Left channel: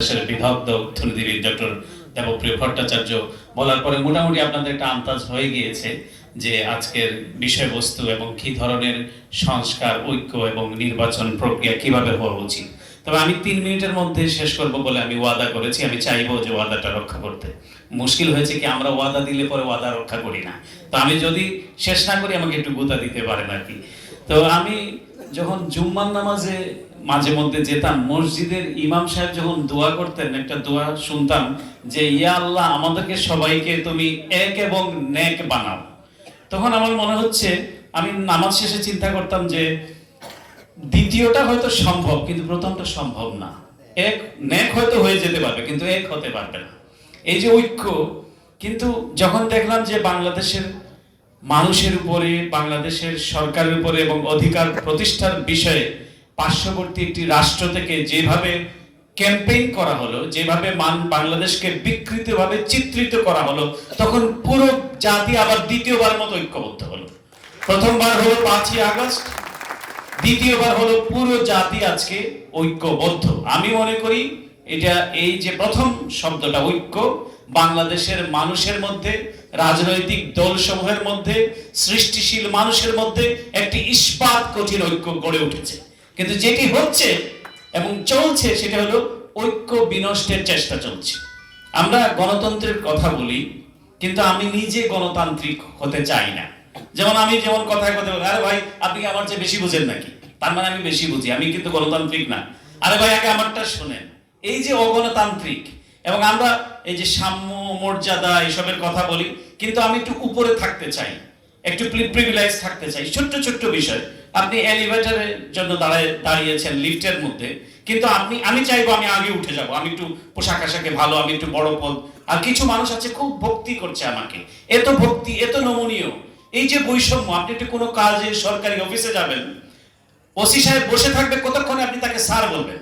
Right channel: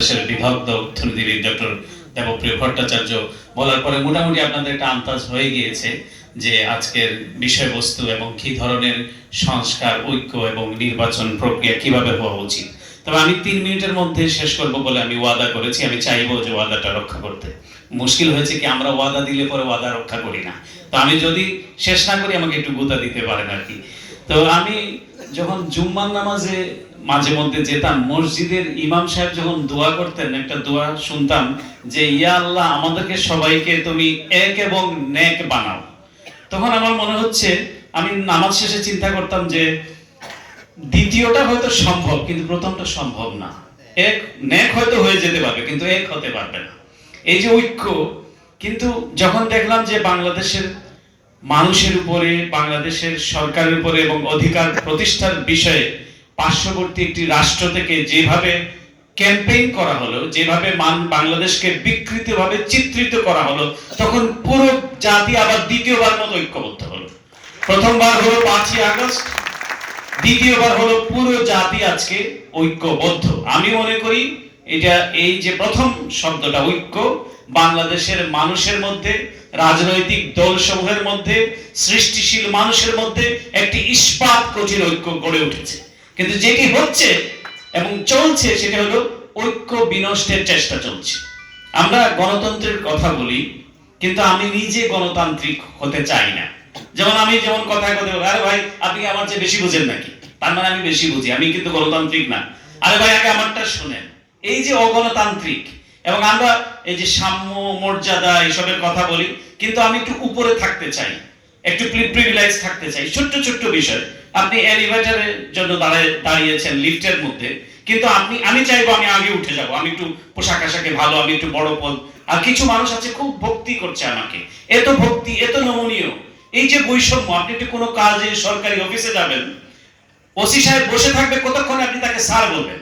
দেশের বিদগ্ধ অর্থনীতিবিদ ডক্টর দেবপ্রিয় ভট্টাচার্য বলার পরে মোটামুটি আপনাদের একটা আন্দাজ হয়ে গিয়েছে যে আজকের বিষয়বস্তু এবং কি ধরনের সংস্কার, ঐক্য এবং নির্বাচন প্রক্রিয়া কিভাবে হওয়া উচিত। তবে আমি 3 মিনিটের মধ্যে শেষ করব বলে আমি ওয়াদা করেছি। আমি চাইবো যে ওয়াদাটা রক্ষা করতে। মুশকিল হয়েছে কি, আমরা ওয়াদা দিলে পরে ওয়াদা রক্ষা করি না। তো আমি যদি শেষ না করি আমাকে একটু গুতা দিতে পারেন আর কি। তো আমি যখন জুম্মার নামাজে মাঝে মধ্যে যেতাম, মসজিদের ইমাম সাহেব যখন দোয়া করতেন, একটা দোয়া শুনতাম যে ইয়া আল্লাহ আমাদেরকে সবাইকে তুমি এক এবং নেক বানাও। তখন আমার মনে হচ্ছে, আমি নামাজ শেষে চিন্তা করতাম যে দ্বিতীয়টা হয়তো সম্ভব কিন্তু প্রথমটা সম্ভব না। এক নেক হয়তো হয়ে যেতে পারবে কিন্তু এক হতে পারবে না। এই যে ঐক্য, কিন্তু যখন দেখলাম যে বাংলাদেশের মানুষের উপরে, বাংলাদেশের সরকারের উপরে এবং অধিকার প্রতিষ্ঠার বিষয়ে পার্শ্ববর্তী একটি রাষ্ট্র থেকে যেভাবে ক্যাম্পেইন করা হলো, যেভাবে বাংলাদেশকে বিকৃতভাবে চিত্রিত করা হলো, তখন পুরো জাতি আবার দ্বিতীয়বার মতো ঐক্যবদ্ধ হলো। প্রথমবার হলো 5ই আগস্ট, দ্বিতীয়বার হলো পুরো জাতি আজকে ঐক্যবদ্ধ। আমি মনে করি এটা, এই যে প্রথম শব্দটা ঐক্য, বাংলাদেশের মানুষের মধ্যে, রাজনৈতিক দলসমূহের মধ্যে, সৃষ্টিশীল মানুষের মধ্যে একটি ইস্পাত কঠিন ঐক্য গড়ে উঠেছে। কিন্তু যেটি হচ্ছে এবং চলছে সেটা হলো ঐক্য বিনষ্টের চেষ্টা চলছে। আমরা গণতন্ত্রের কথা বলি কিন্তু আমি নিজে গণতান্ত্রিক হতে চাই না। যেমন আমি কথায় আরে ভাই আপনি আমার চেয়ে বেশি বুঝেন নাকি, তার মানে আমি বেশি বুঝি, আমি কিন্তু গণতান্ত্রিক না। আরে ভাই আগে আমারটা শুনেন। এই যে অগণতান্ত্রিক, এবং আমরা এই যে সাম্য, মর্যাদা এসবের কথা বলি কিন্তু আমি একটু উপরে থাকতে চাই, একটু প্রিভিলেজ থাকতে চাই। ছোট্ট ছোট্ট বিষয়, আপনি এলিভেটরের জন্য দাঁড়িয়েছেন লিফটের মধ্যে, কিন্তু আমি চাইবো আমি আগে উঠে যাব, আমি একটু পোশাক আশাকে ভালো, আমি একটু বড় পদ। আর কিছু মানুষ আছে খুব ভক্তি করছে আমাকে, এত ভক্তি, এত নমনীয়। এই যে বৈষম্য, আপনি একটু কোনো কাজে সরকারি অফিসে যাবেন, ওসি সাহেব বসে থাকবে, কতক্ষণে আপনি তাকে স্যার বলবেন।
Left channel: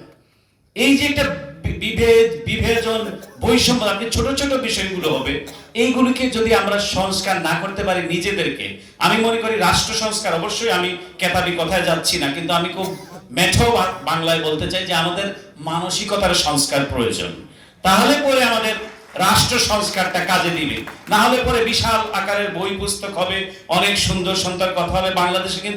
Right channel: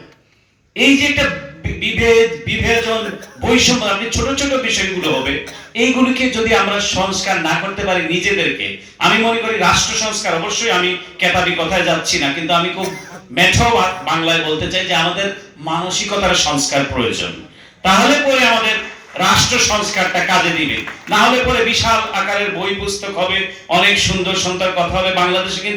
এই যে একটা বিভেজন, বৈষম্য, আপনি ছোট ছোট বিষয়গুলো হবে, এইগুলিকে যদি আমরা সংস্কার না করতে পারি নিজেদেরকে, আমি মনে করি রাষ্ট্র সংস্কার, অবশ্যই আমি কেতাবি কথায় যাচ্ছি না, কিন্তু আমি খুব মেঠো বাংলায় বলতে চাই যে আমাদের মানসিকতার সংস্কার প্রয়োজন। তাহলে পরে আমাদের রাষ্ট্র সংস্কারটা কাজে দিবে। না হলে পরে বিশাল আকারের বই পুস্তক হবে, অনেক সুন্দর সুন্দর কথা হবে। বাংলাদেশে কিন্তু